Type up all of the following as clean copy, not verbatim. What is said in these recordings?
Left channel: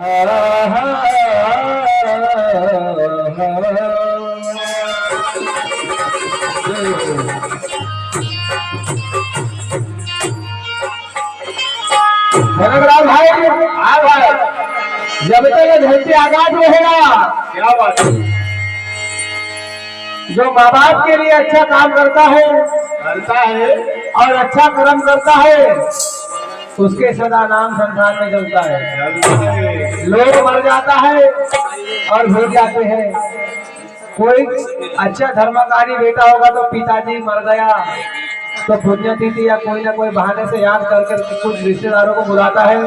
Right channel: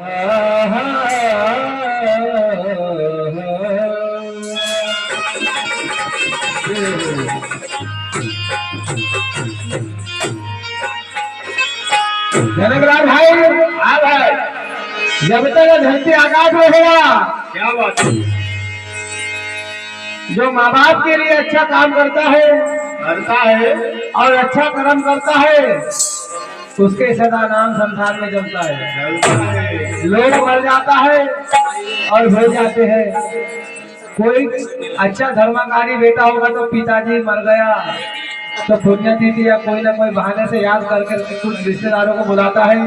धनराज भाई, हाँ भाई, जब तक धरती आकाश रहेगा, क्या बात है, जो माँ बाप के लिए अच्छा काम करता है और अच्छा कर्म करता है, उसके सदा नाम संसार में चलता है। लोग मर जाता है और भूल जाते हैं। कोई अच्छा धर्मकारी बेटा होगा तो पिताजी मर गया तो पुण्यतिथि या कोई ना कोई बहाने से याद करके कुछ रिश्तेदारों को बुलाता है।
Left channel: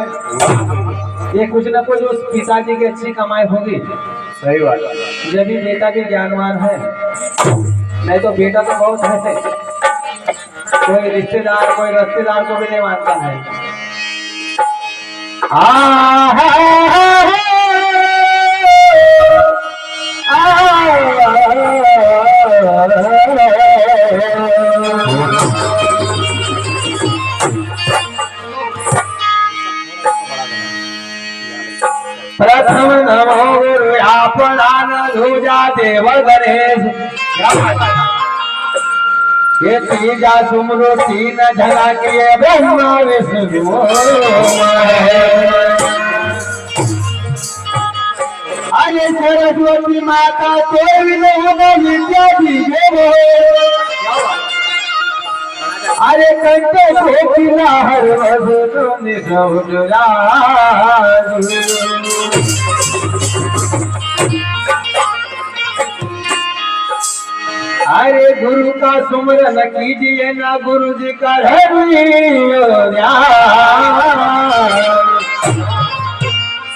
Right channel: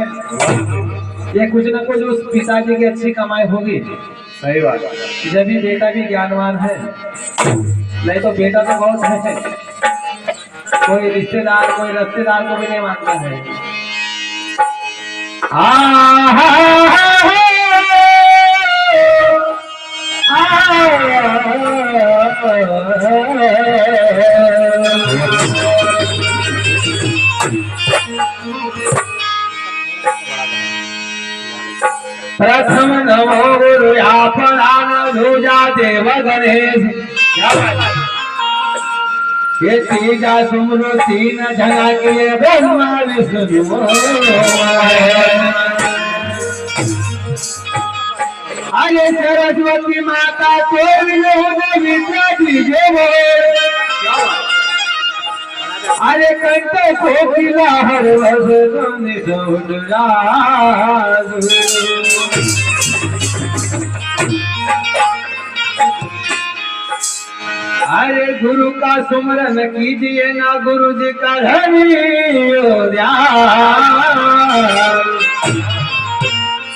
ये कुछ ना कुछ उस पिताजी की अच्छी कमाई होगी। सही बात। जब भी बेटा भी ज्ञानवान है, नहीं तो बेटा तो बहुत है, कोई रिश्तेदार कोई रिश्तेदार को भी नहीं मानता है। प्रथम नमो गुरु आपरान धूजा देव गणेश। ये तीजा सुमरो तीन झगा के ब्रह्मा विष्णु। अरे सरस्वती माता कोई नहीं विद्या दीजिए वो। अरे कंठे कोकिला हर वसन अरे गुरु का सुमरन कीजिए ना गुरु जी का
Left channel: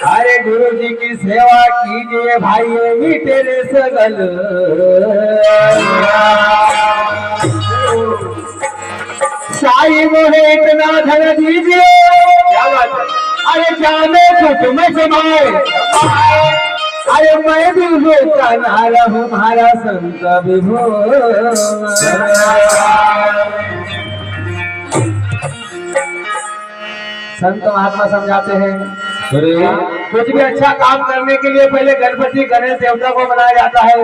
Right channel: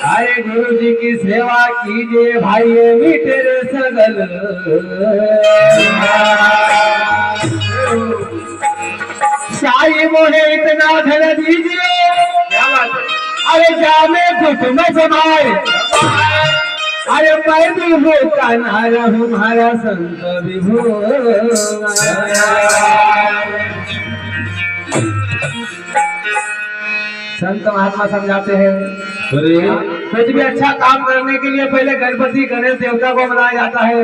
अरे गुरु जी की सेवा कीजिए भाई भी तेरे सगल। साई मोहे इतना धन दीजिए, अरे जाने कुछ में समाए। अरे मैं विभो का नारा हूँ हमारा संत विभो। संत महात्मा समझाते हैं कुछ भी अच्छा काम करने के लिए पहले गणपति गणेश देवता को मनाया जाता है।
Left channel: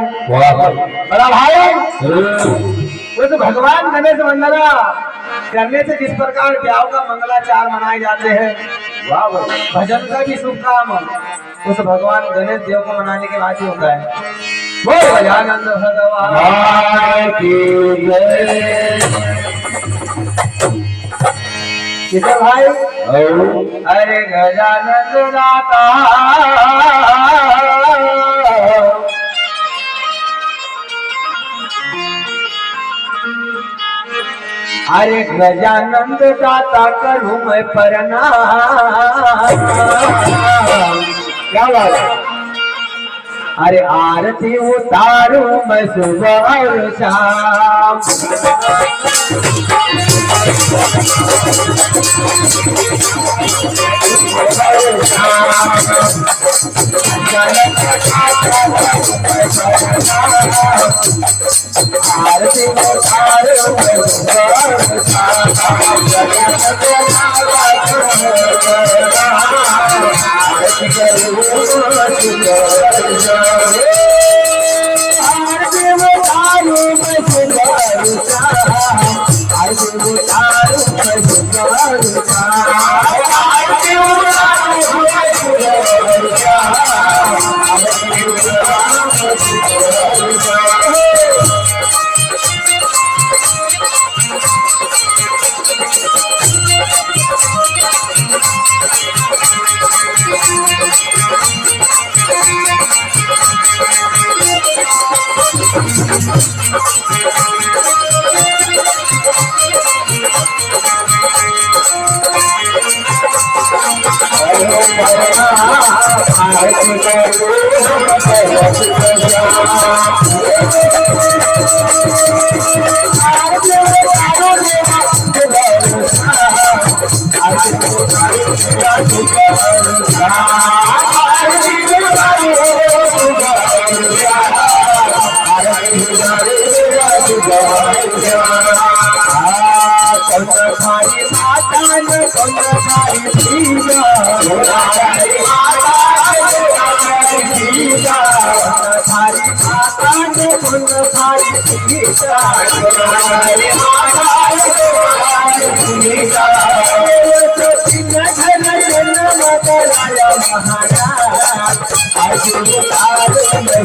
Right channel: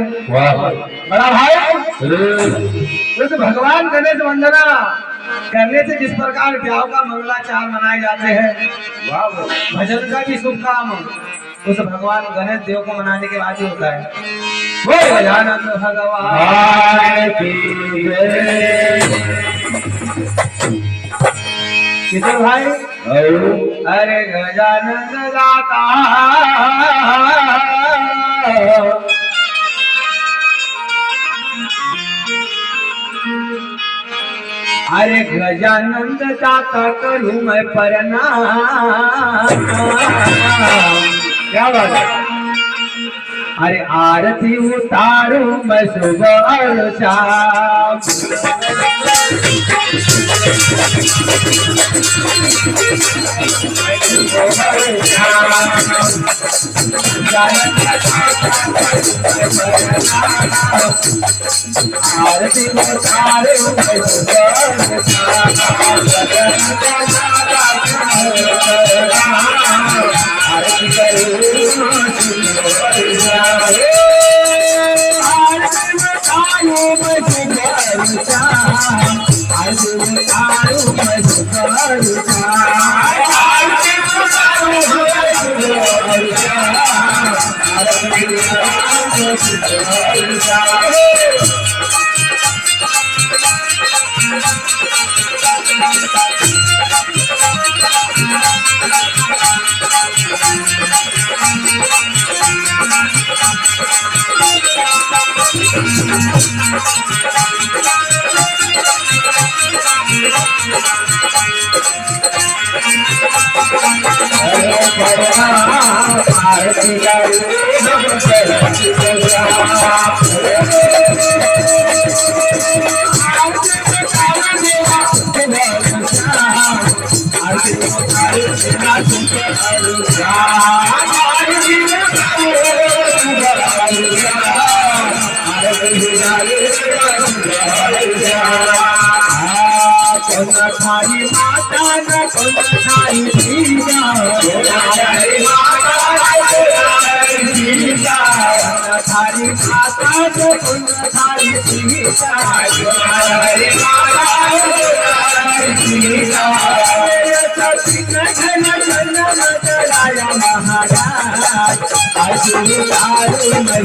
बड़ा भाई, उस भगवान गणेश वंदना करने से जिस प्रकार ब्याह का मंगलाचार मनाए जाते हैं, भजन का भी शुभ काम उस भगवान गणेश देव को मनाने के बाद ही होता है। बोल गजानंद भगवान की जय। किशोर भाई, अरे गजानंद दाता अरे गजानंद दाता करूं मैं प्रणाम। क्या बात है। अरे आरती उतारूं मैं सुबह और शाम। आरती उतारूं मैं सुबह और शाम। आरती करूं खाई माता न खाई सीता तुम्हारे माता सीता घन जन्म कराया महाराज आज उतारो मैं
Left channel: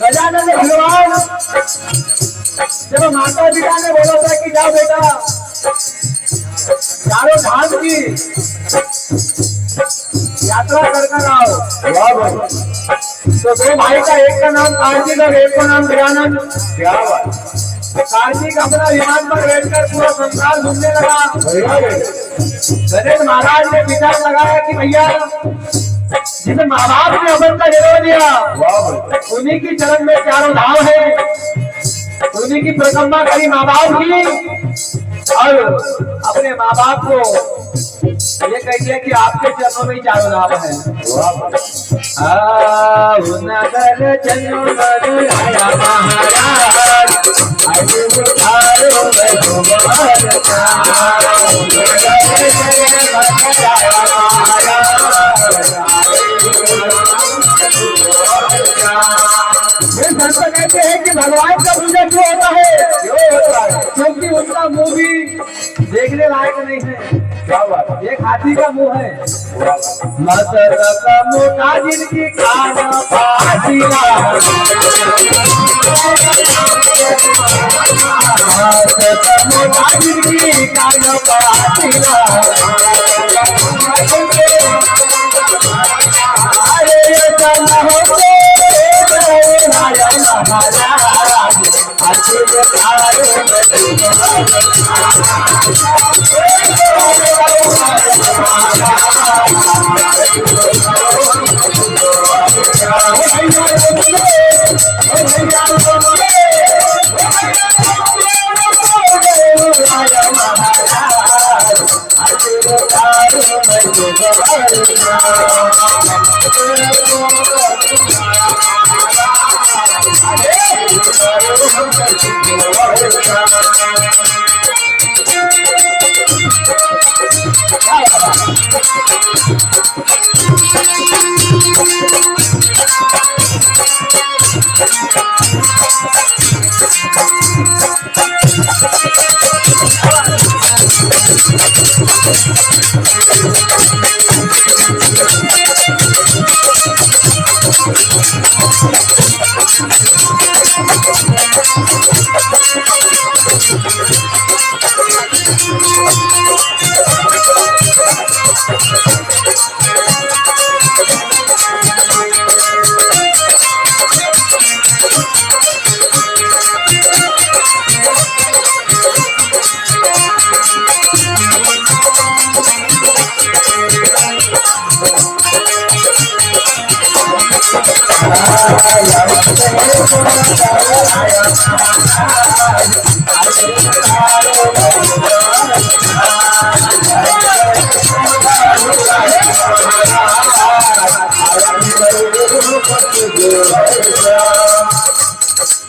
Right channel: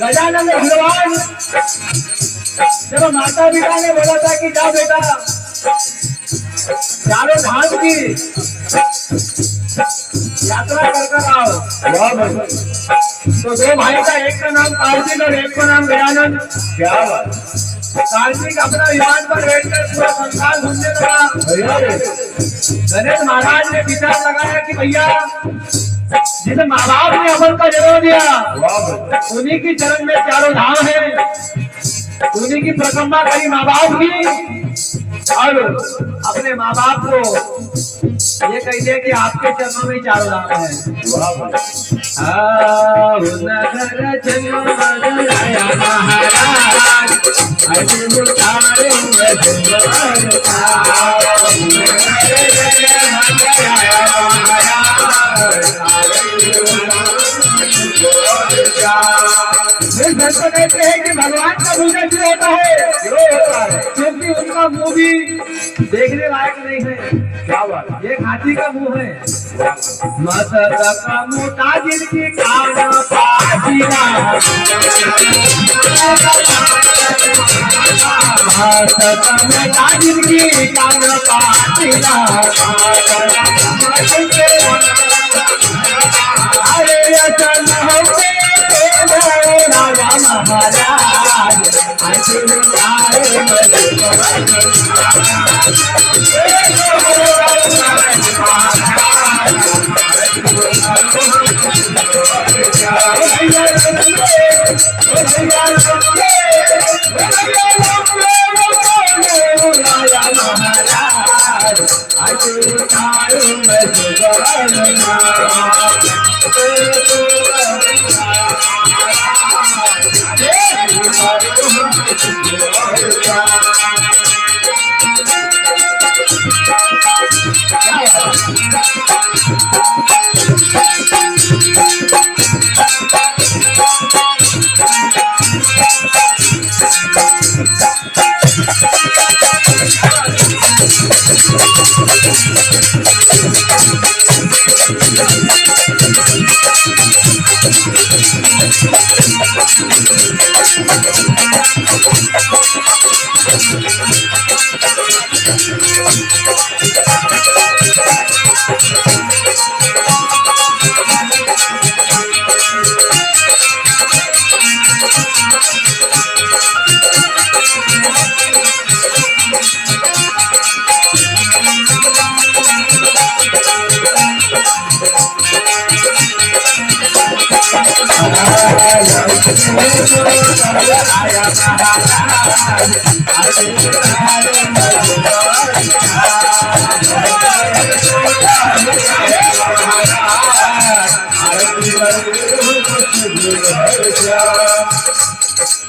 गजानन भगवान जब माता पिता ने बोला था कि जाओ बेटा चारों धाम की यात्रा कर आओ, तो दो भाई का एक का नाम कार्तिक और एक का नाम गजानन। क्या बात। कार्तिक अपना विमान पर बैठकर पूरा संसार घूमने लगा। गणेश महाराज ने विचार लगाया कि भैया जिस माँ बाप ने अमल का जन्म दिया उन्हीं की चरण में चारों धाम है, उन्हीं की परिक्रमा करी माँ बाप की, और अपने माँ बाप को ये कह दिया कि आपके चरणों में ही चारों धाम है। नगर जन्म बदलाया महाराज संत कहते हैं कि भगवान का पूजा क्यों होता है? क्योंकि उनका मुंह भी देखने लायक नहीं है। क्या बात है? एक हाथी का मुंह है। मदर का मोटा जिनकी कान पासीना, मदर का मोटा जिनकी कान पासीना, अरे अचल होते राजा महाराज अचल तारे राजा महाराज अचल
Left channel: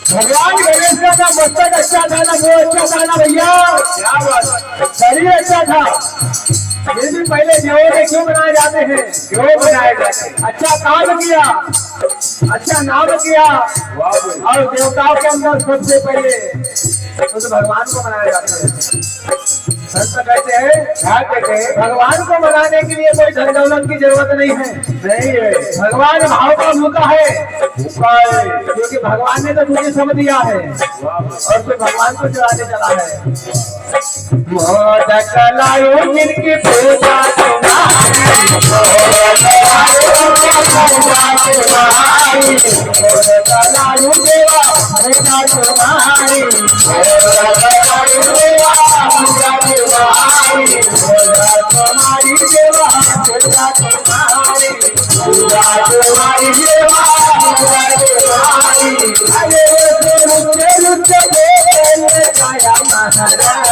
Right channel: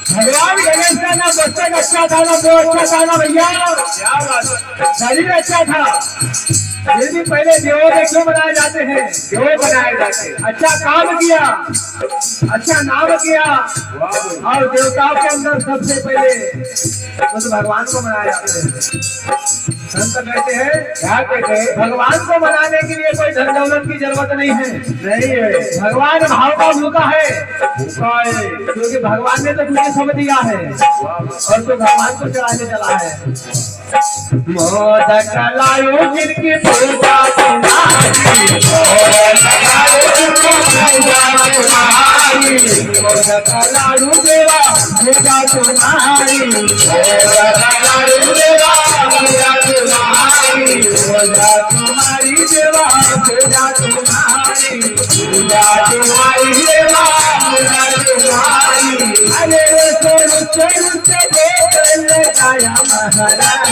भगवान गणेश का ना मस्तक अच्छा था, ना मुंह अच्छा था, ना भैया क्या बात है? शरीर अच्छा था। फिर भी पहले देवों में क्यों बनाए जाते हैं? क्यों बनाए जाते हैं? अच्छा काम किया, अच्छा नाम किया, वाह भाई। और देवताओं के अंदर सबसे पहले उस भगवान को मनाया जाता है। संत कहते हैं, क्या कहते हैं? भगवान को मनाने के लिए कोई धन दौलत की जरूरत नहीं है। नहीं है, भगवान भाव का भूखा है, भूखा है। क्योंकि भगवान ने तो तुझे सब दिया है वाह भाई। और तू भगवान को चढ़ाने चला है। मोदक लायो जिनकी पूजा तुम्हारी, मोदक लायो देवा पूजा तुम्हारी, तुम्हारी देवा पूजा तुम्हारी, तुम्हारी देवा तुम्हारी। अरे रुचे रुचे बोले राजा महाराज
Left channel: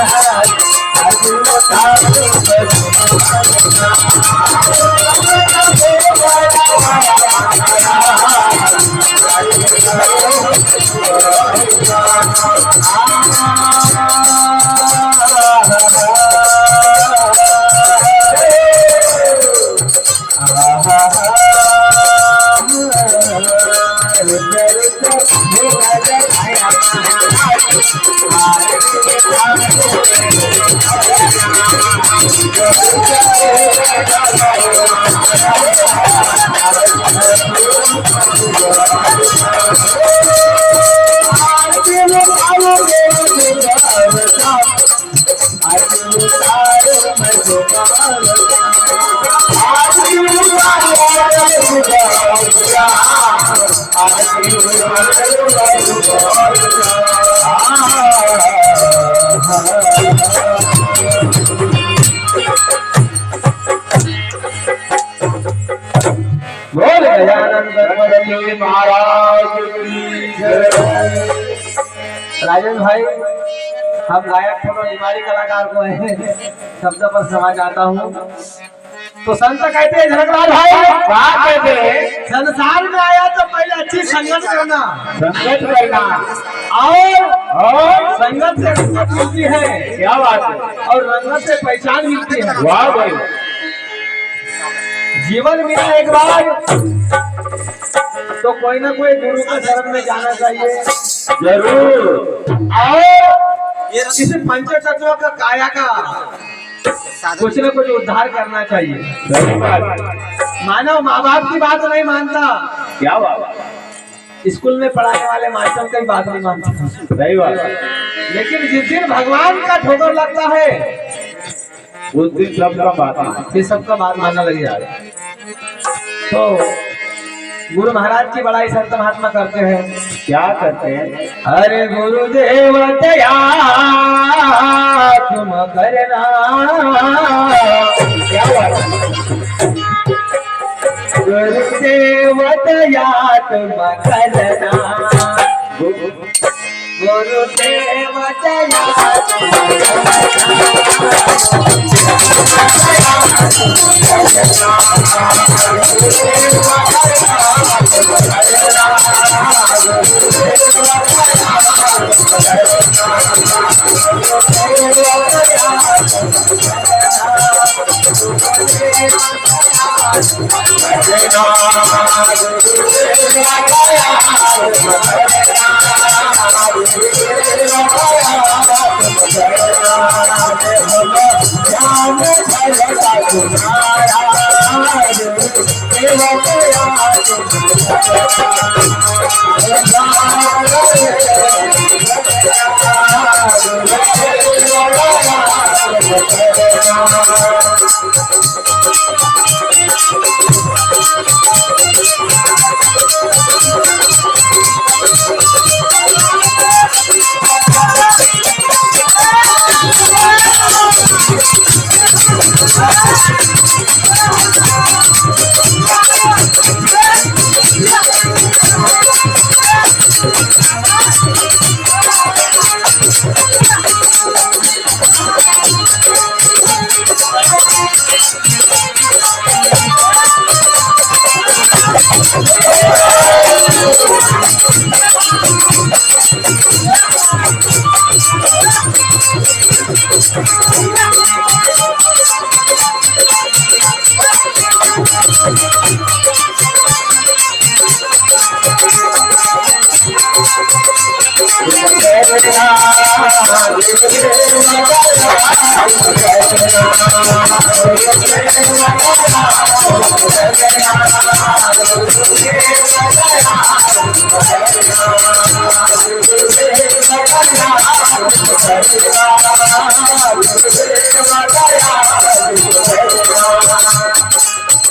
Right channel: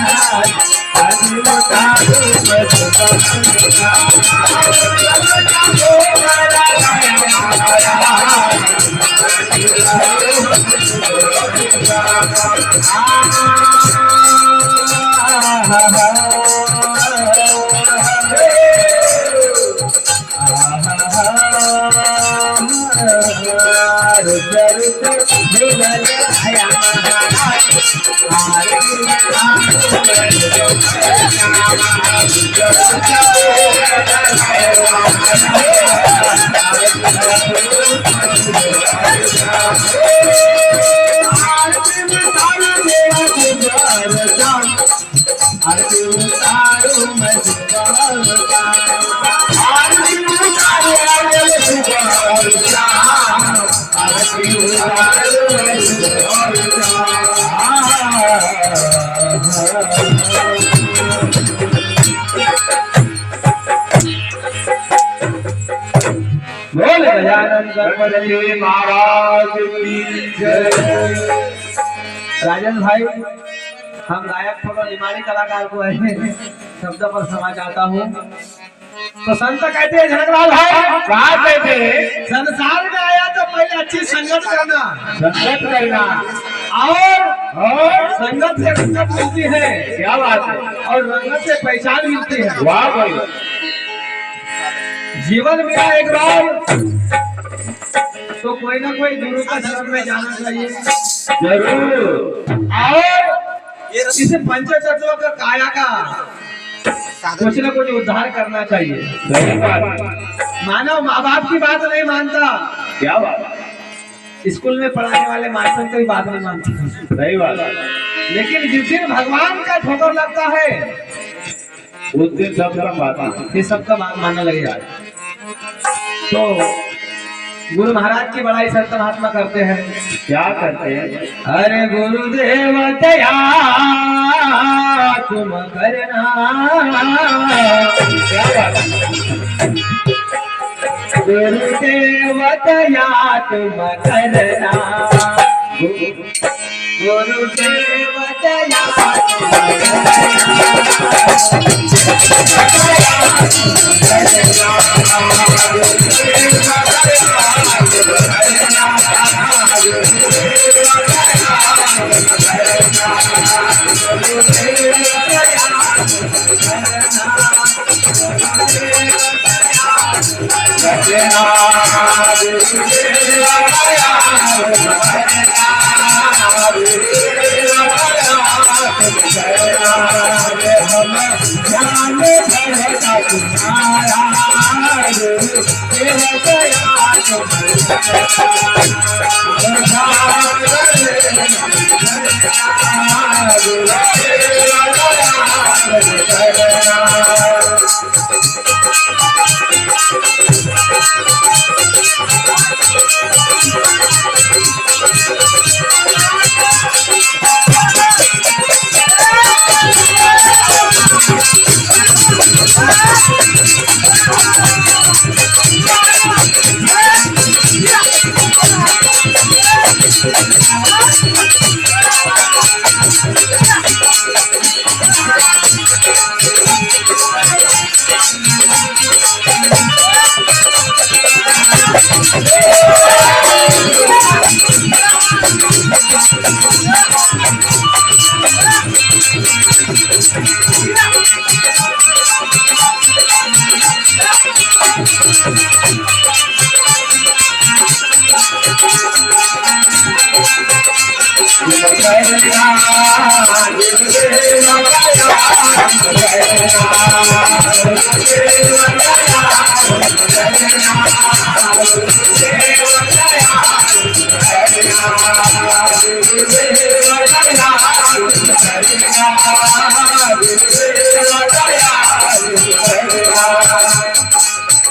बोल गजानन गणपति महाराज की जय। राजन भाई, हम गायक थोड़ा निमाड़ी कलाकार को है शब्द पर समझ आता हूँ। तो संत कहते हैं झलकलाल भाई, क्या कहते हैं? संसार में आया तो पहले अच्छी संगत करना, संगत करना, और संगत से रंगत मिलती है। क्या बात है? और रंगत से पहचान मिलती है। वाह भाई। जीवन में एक बार तो कोई ना कोई गुरु का शरण में जाना चाहिए। जरूर। और इस पंच तत्व का काया का कुछ न कुछ उद्धार करना चाहिए। सही बात। मानव माँ बाप की बात नहीं मानता, क्या बात। स्कूल में पढ़ाने वाले मास्टर की बात नहीं मानता। सही बात। लेकिन जिस दिन भगवान का ठोकर लगता है उस दिन सबका बात फिर सबका बात मानना लग जाए। तो गुरु महाराज की बड़ाई संत महात्मा करते हैं। क्या करते हैं? अरे गुरुदेव दया तुम करना। क्या बात। गुरुदेव दया तुम करना। गुरुदेव दया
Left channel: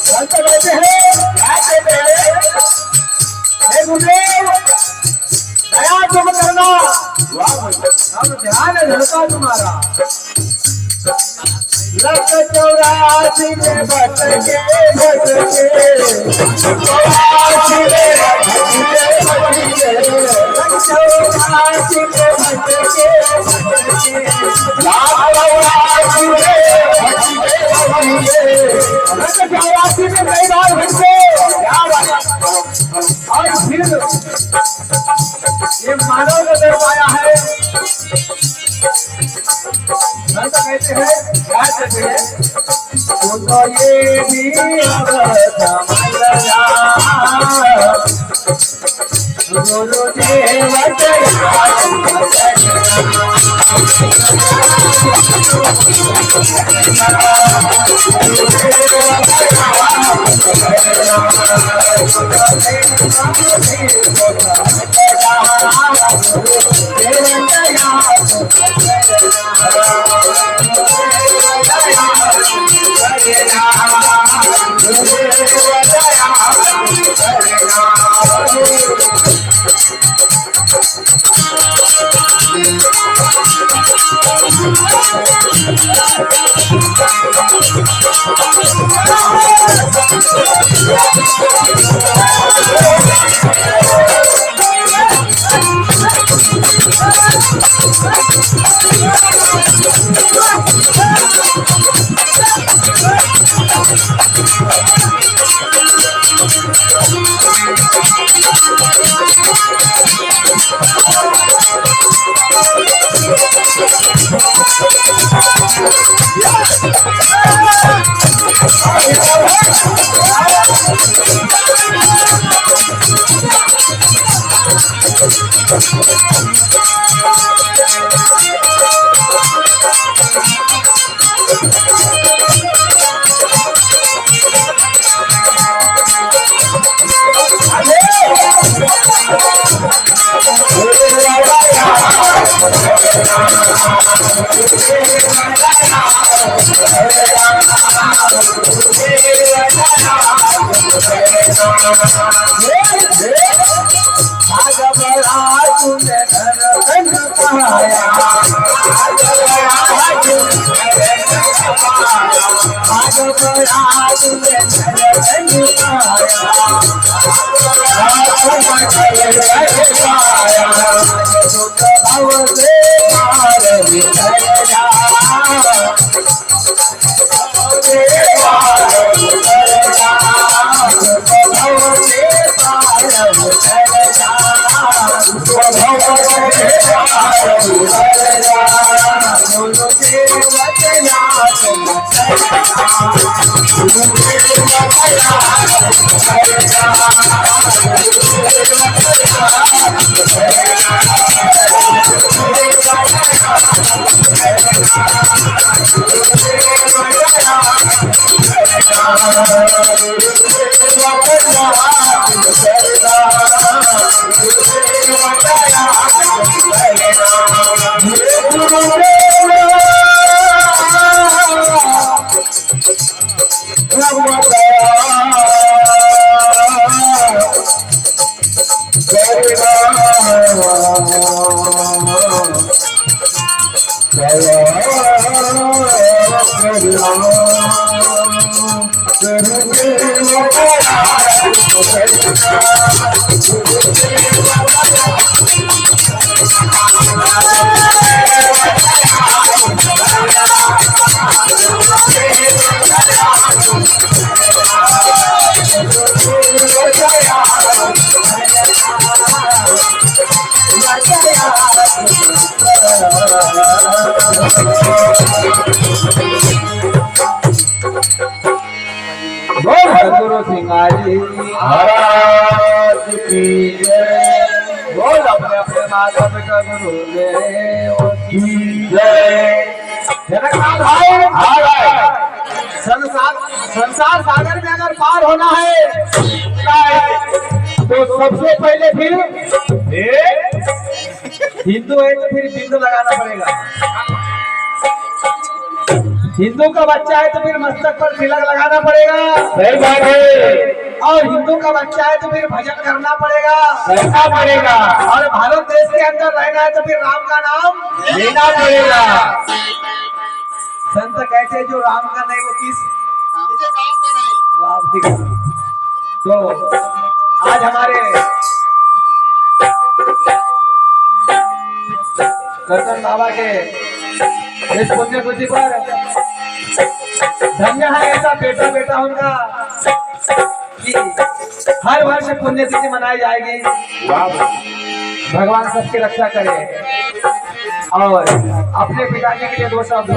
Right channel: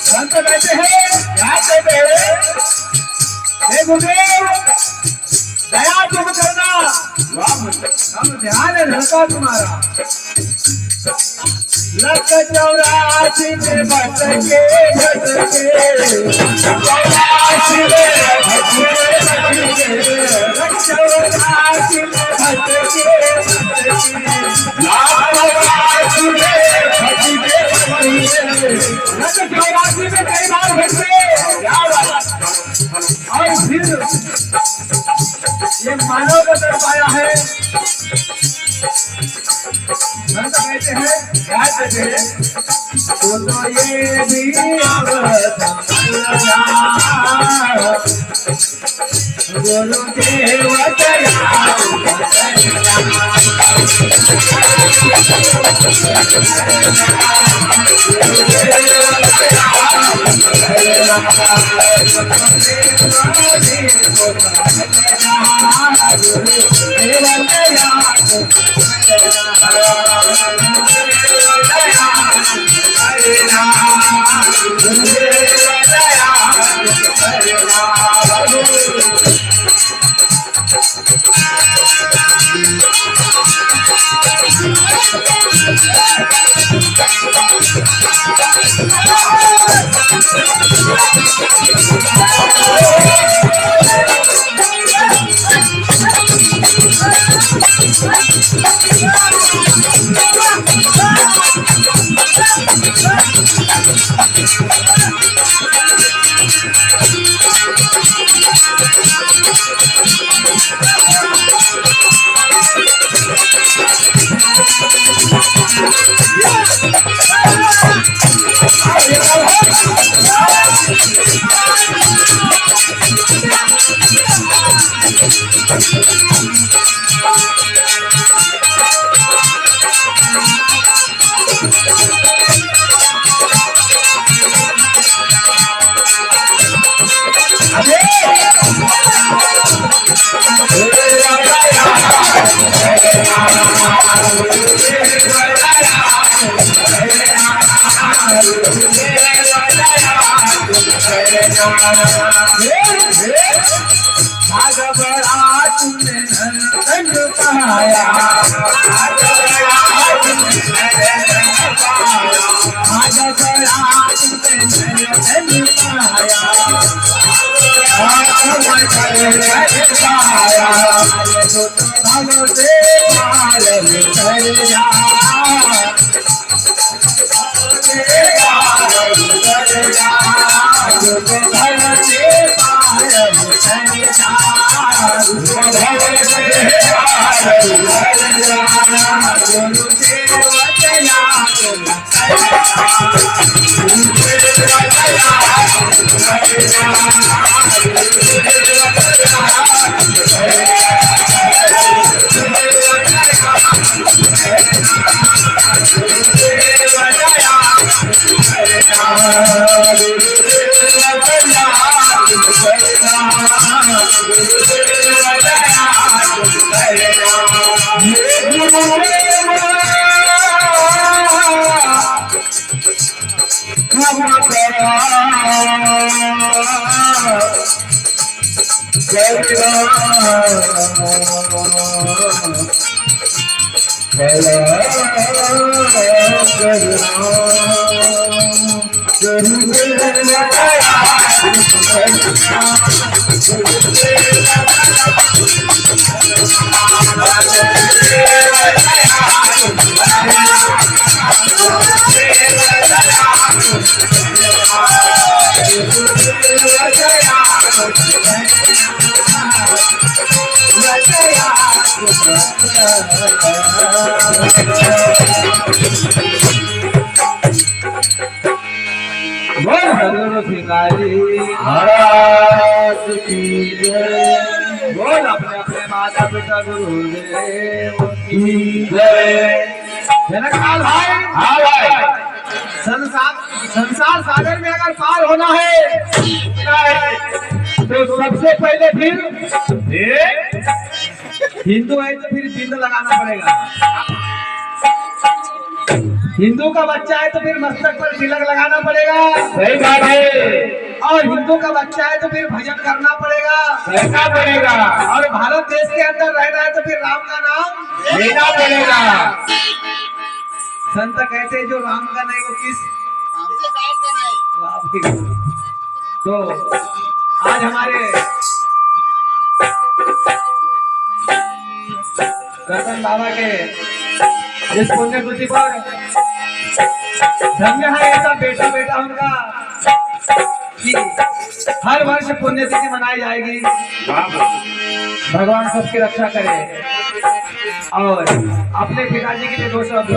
संत बैठे हैं, क्या कहते हैं? हे गुरुदेव दया तुम करना। हम ध्यान है धड़का तुम्हारा। लख 84 में भटके भटके 84 में भटके भटके लख 84 में भटके भटके लाख 84 में भटके भटके लख 84 में कई बार भटके। क्या बात। और फिर ये मानव का दर पाया है। संत कहते हैं, क्या कहते हैं? तो ये भी अब समझना गुरुदेव दया तुम भाग बड़ा तूने नरकन पाया, भाग बड़ा तूने नरकन पाया, जो तो भव से पार बिखर जा, जो तो भव से पार बिखर जा, दोनों से बचया तुम सदगुरु सिंगारी महाराज की जय। बोल अपने अपने माता पिता गुरुदेव की जय। जनकाल भाई, हाँ भाई, संसार सागर में अगर पार होना है तो सबसे पहले फिर हिंदू है तो फिर बिंदु लगाना पड़ेगा। हिंदू का बच्चा है तो फिर मस्तक पर तिलक लगाना पड़ेगा। सही बात है। और हिंदू का बच्चा है तो फिर भजन करना पड़ेगा, करना पड़ेगा। और भारत देश के अंदर रहना है तो फिर राम का नाम लेना पड़ेगा। संत कहते हैं जो राम का नहीं वो किस काम का नहीं। तो आज हमारे करतन बाबा के इस पुण्य तिथि पर धन्य है ऐसा बेटा बेटा उनका कि हर वर्ष पुण्य तिथि मनाई जाएगी। भगवान सबकी रक्षा करे। और अपने पिताजी के लिए दो शब्द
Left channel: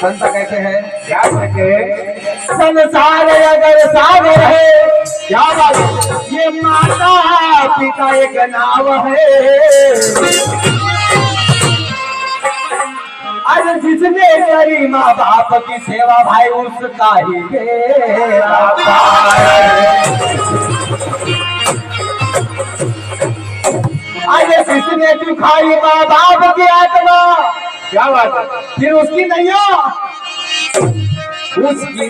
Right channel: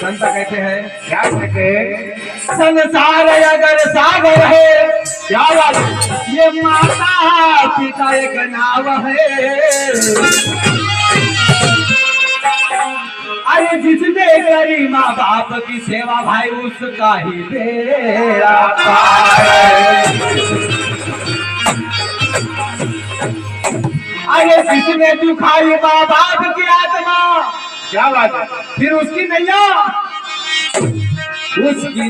संत कहते हैं, क्या कहते हैं? संसार अगर सागर है, क्या बात? ये माता पिता एक नाव है। अरे जिसने करी माँ बाप की सेवा भाई उसका ही बेड़ा पार। अरे जिसने दुखाई माँ बाप की आत्मा, क्या बात है? फिर उसकी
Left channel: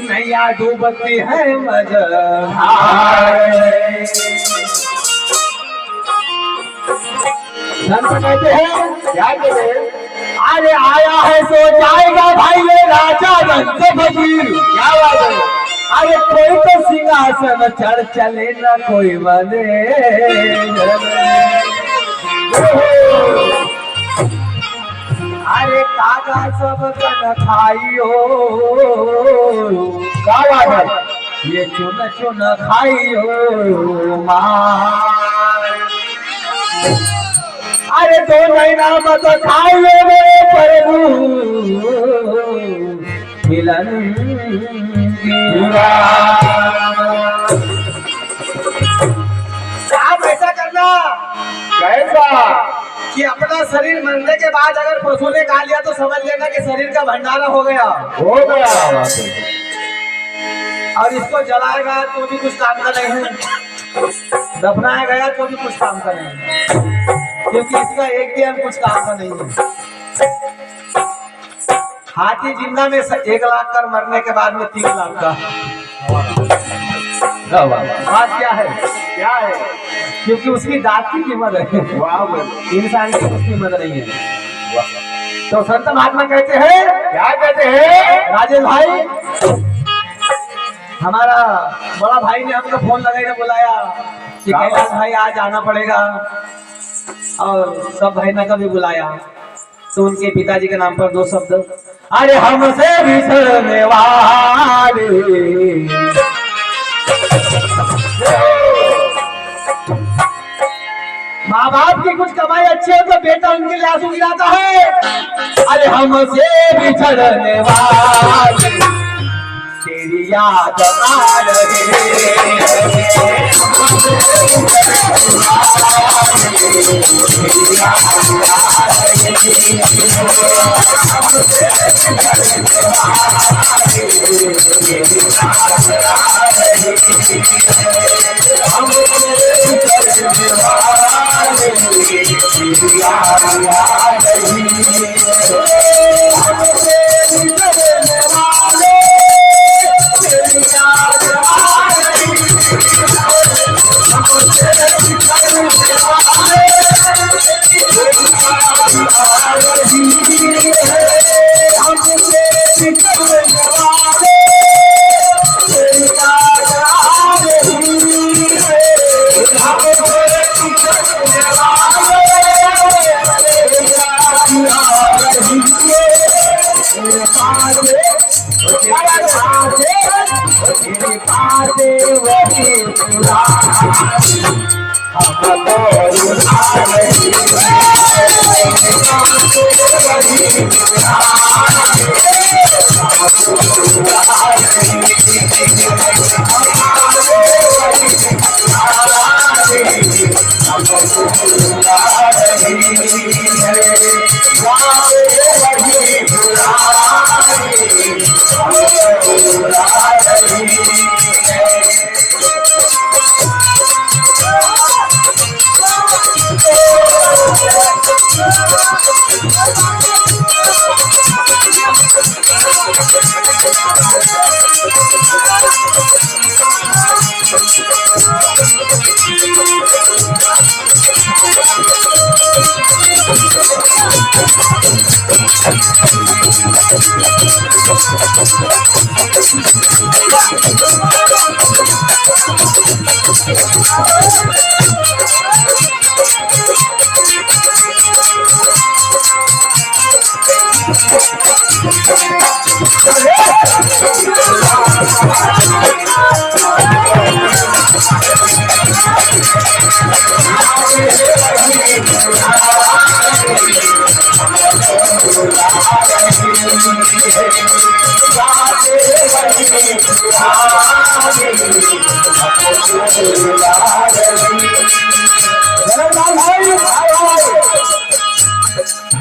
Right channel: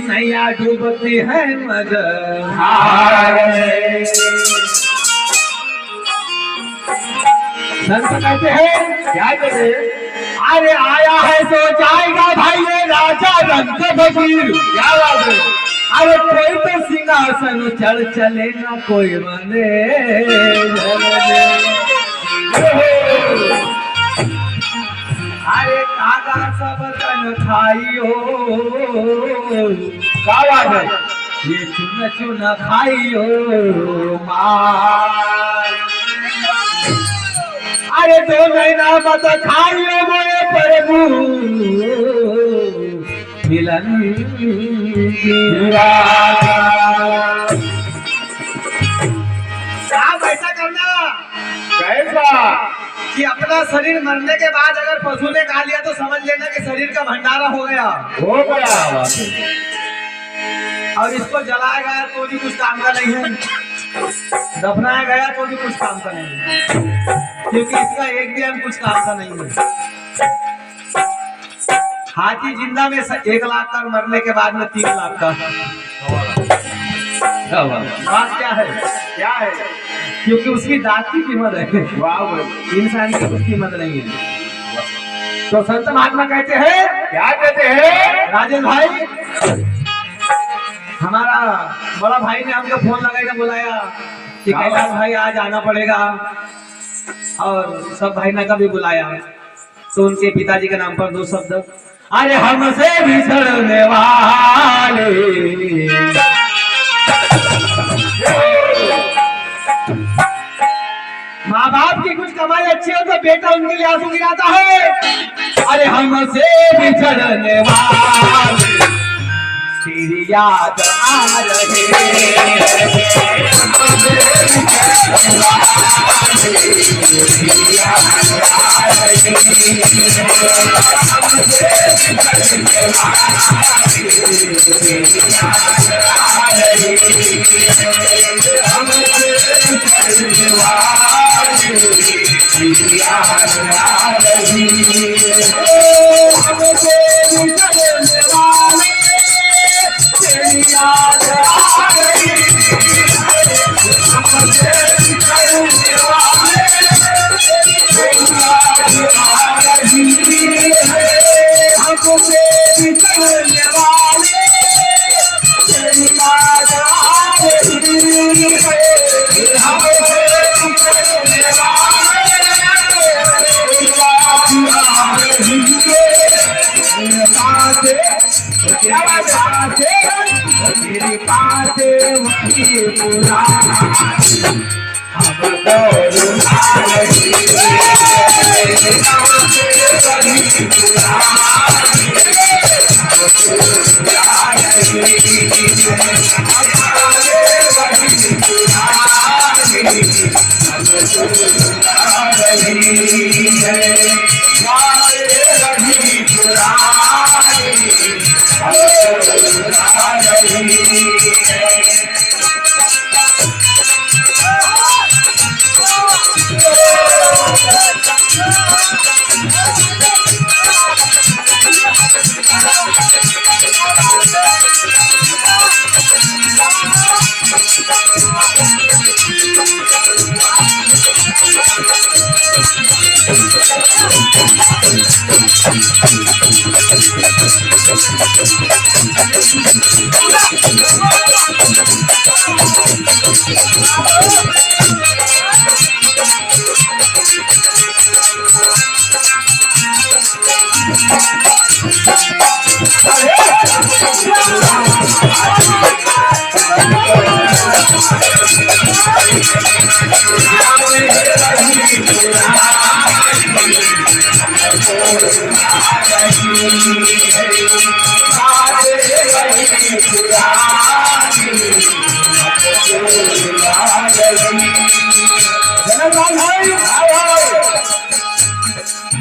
नैया डूबती है मझधार। संत कहते हैं, क्या कहते हैं? अरे आया है तो जाएगा भाई ये राजा रंग फकीर। क्या बात है? अरे कोई तो सिंहासन चढ़ चले ना कोई बने। अरे कागा सब तन खाइयो, क्या बात है? ये चुन चुन खाइयो मार। अरे तो नैना मत खाइयो मोरे प्रभु मिलन काम ऐसा करना ऐसा कि अपना शरीर मरने के बाद अगर पशु ने खा लिया तो समझ लेना कि शरीर का भंडारा हो गया। और इसको जलाएगा तो भी कुछ काम का नहीं है, दफनाया गया तो भी कुछ काम का नहीं है, क्योंकि इसका एक भी अंग कुछ काम का नहीं है। हाथी जिंदा में 1 लाख कर मरने के बाद में 3 लाख का। बात क्या है? क्या है? क्योंकि उसकी दांत की कीमत है, इंसान की कुछ कीमत नहीं है। तो संत महात्मा कहते हैं, क्या कहते हैं? राजेश भाई, हमारा बड़ा भाई ने हमको फोन लगाकर बुलाया कि कैलाश भाई आज आना पड़ेगा, और सब भाई ने कभी बुलाया तो उनके पिताजी के नाम पर 2 शब्द, अरे हमसे बिछड़ने वाले। माँ बाप की कुछ कमाई अच्छी हो तो बेटा उनके लिए आंसू गिराता है। अरे हमसे बिछड़ने वाले तेरी याद आ रही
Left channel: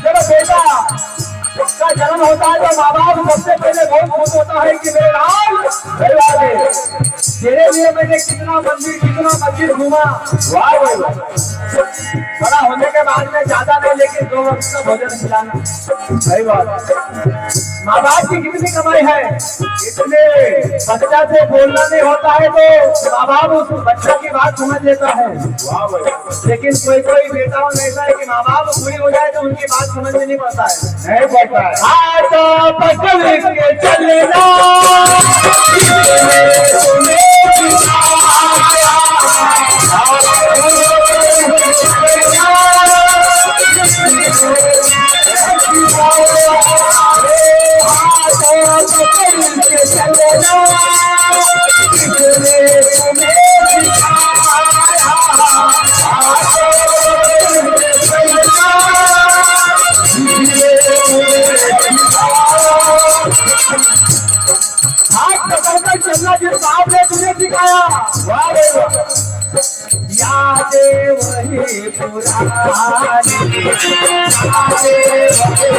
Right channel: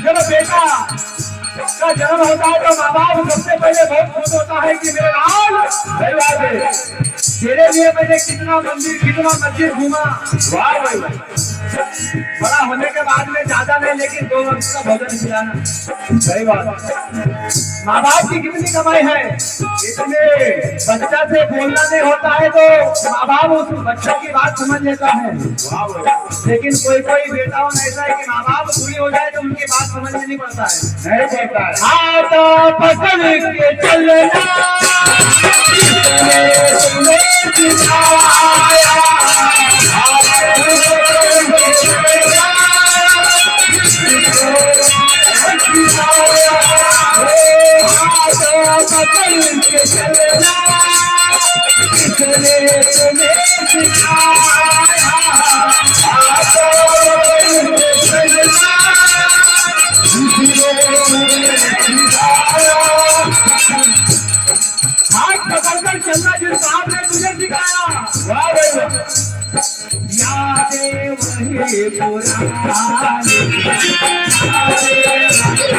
जब बेटा का जन्म होता है तो माँ बाप सबसे पहले बहुत खुश होता है कि मेरे लाल तेरे लिए मैंने कितना मंदिर कितना मस्जिद घूमा। वाह वाह, बड़ा होने के बाद में ज्यादा नहीं लेकिन 2 वक्त का भोजन खिलाना। सही बात। माँ बाप की कितनी कमाई है, इतने बच्चा से बोलना नहीं होता है तो माँ बाप उस बच्चा की बात समझ लेता है। वाह वाह। लेकिन कोई कोई बेटा ऐसा है कि माँ बाप पूरी हो जाए तो उनकी बात समझ में नहीं पड़ता है, नहीं पड़ता है। हाथ पकड़ के चलना चलना जिस बाप ने तुझे सिखाया। वाह भाई वाह। बातें वही पुरानी, बातें वही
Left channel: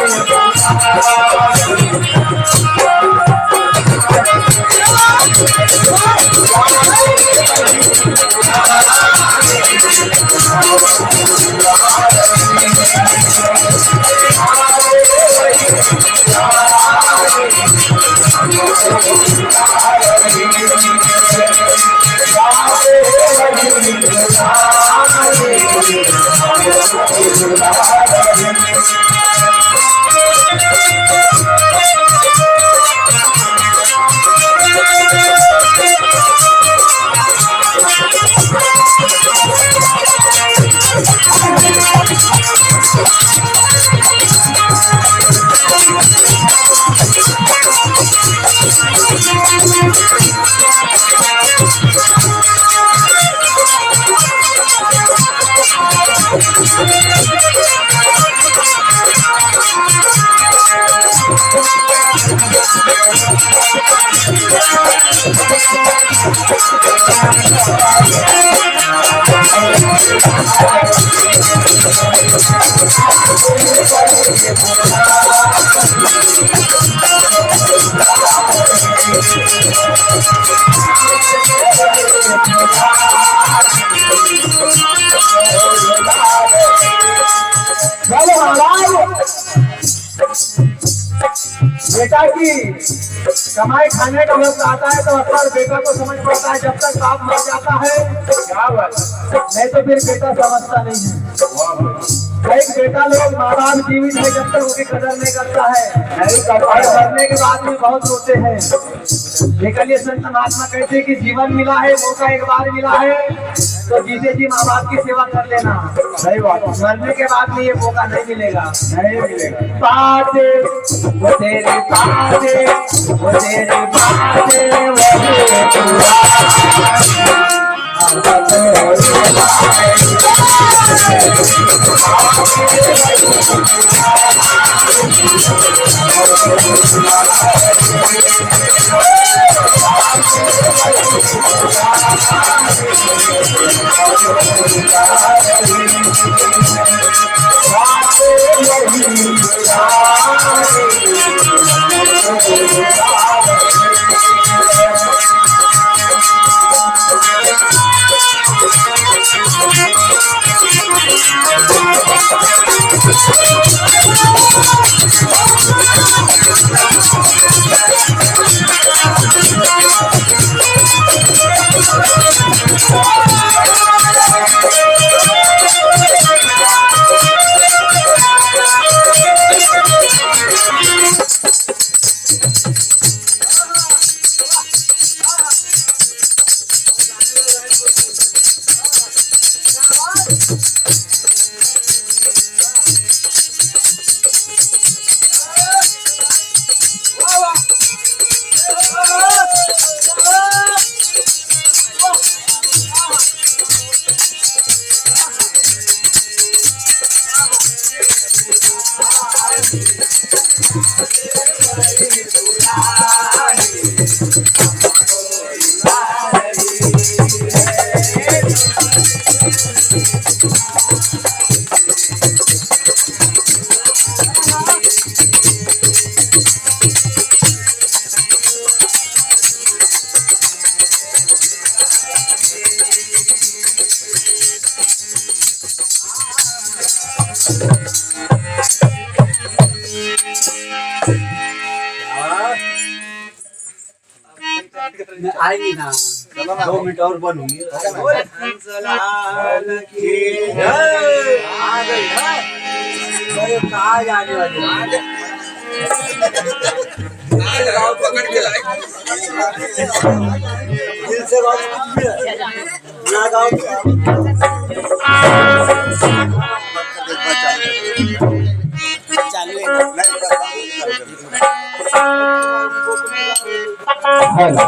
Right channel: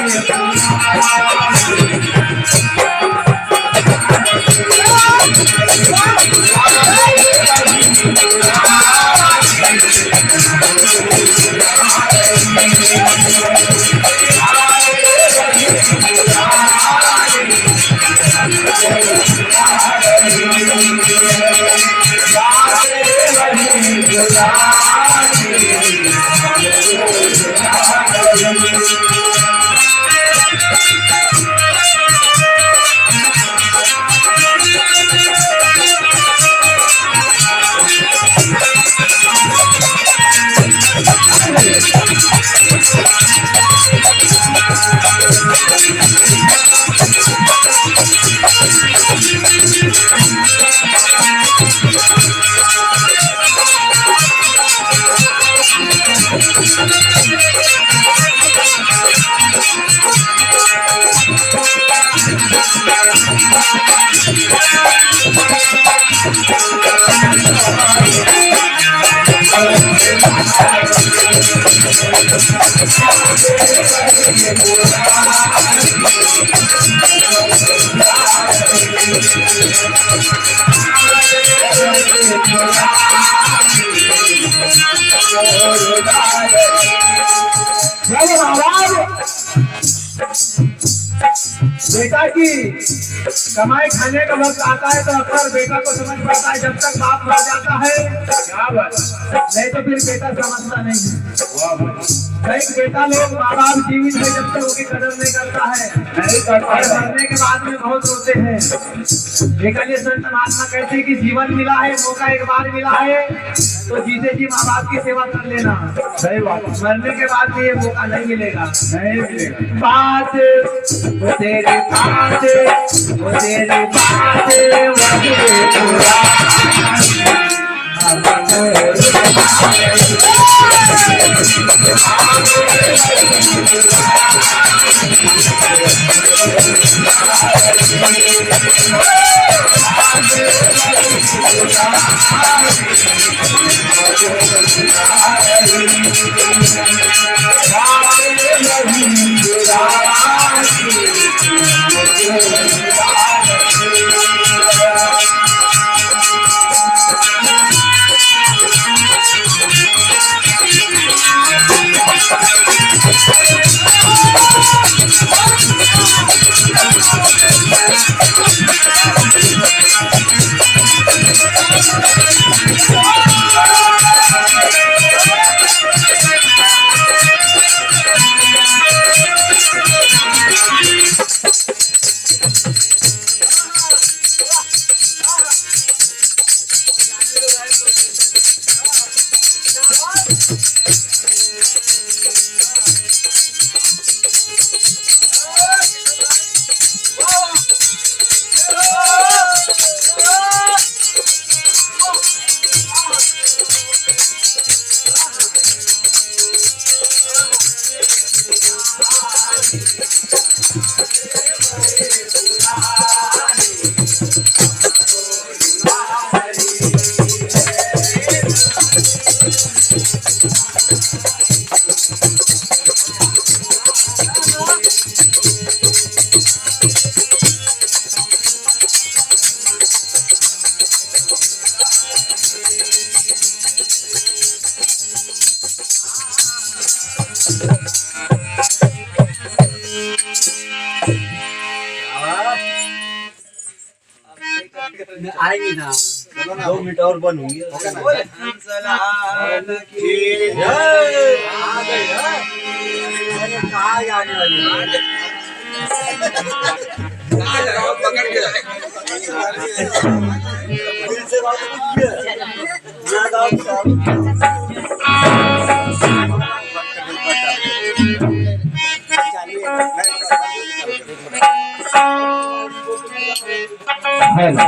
बेटा की कमाई खाने का वक्त आता है तो अक्सर बेटा को समझ पड़ता है, जब तक बाप मर जाता है क्या बात, नहीं तो फिर बेटा समझता नहीं है। कई बेटा लोग माँ बाप जीवित है जब तक उनकी कदर नहीं करता है, और मरने के बाद में बहुत रोते हैं। लेकिन ये संत महात्मा कहते हैं कि जीवन मिला है, मौका एक बार मिला है, तो जीते जी माँ बाप की सेवा कर लेना। सही बात, मरने के बाद में ये मौका नहीं मिलेगा, नहीं मिलेगा। बात वो तेरी बातें, वो तेरी बातें वही आएगी ना, 2 मिनट और बनूंगी। कहाँ जाने वाली पकड़ के लाए दिल से बात हेलो।